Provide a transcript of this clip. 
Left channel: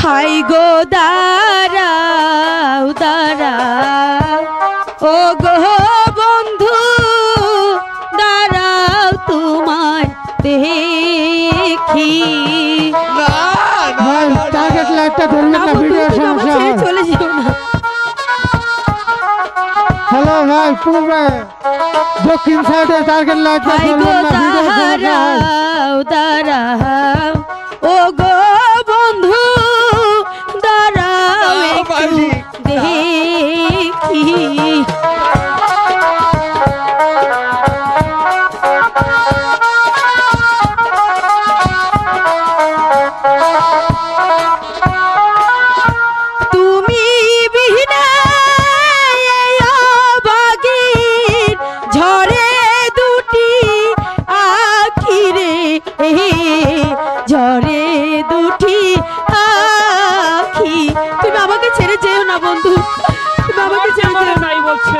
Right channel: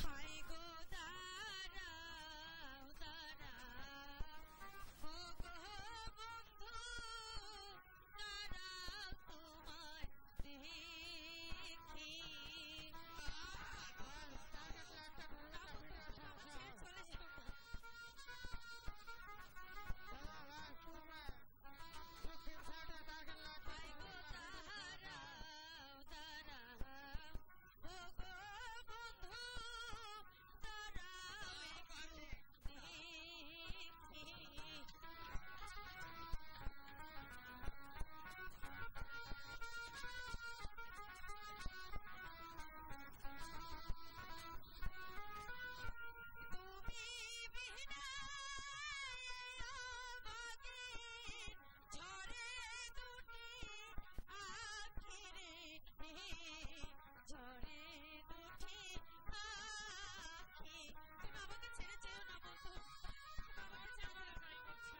High গো দাঁড়াও দাঁড়াও ও গো বন্ধু দাঁড়াও তোমায় দেখি টার্গেট লাইটটা ধরবেন না, ভিডিও সমস্যা হয়। চলে যেও না। হ্যালো ভাই, পূর্বে দক্ষিণ সাইডে টার্গেট লাইটটা হাই গো ধরবেন না, ভিডিও সমস্যা হয়। দাঁড়াও দাঁড়াও ও গো বন্ধু দাঁড়াও একটু দেখি তুমি বিহীনে এই অভাগীর ঝরে দুটি আখি রে ঝরে দুটি আখি তুমি আমাকে ছেড়ে যেও না বন্ধু, তুমি আমাকে ছেড়ে যেও না। নাই বলছে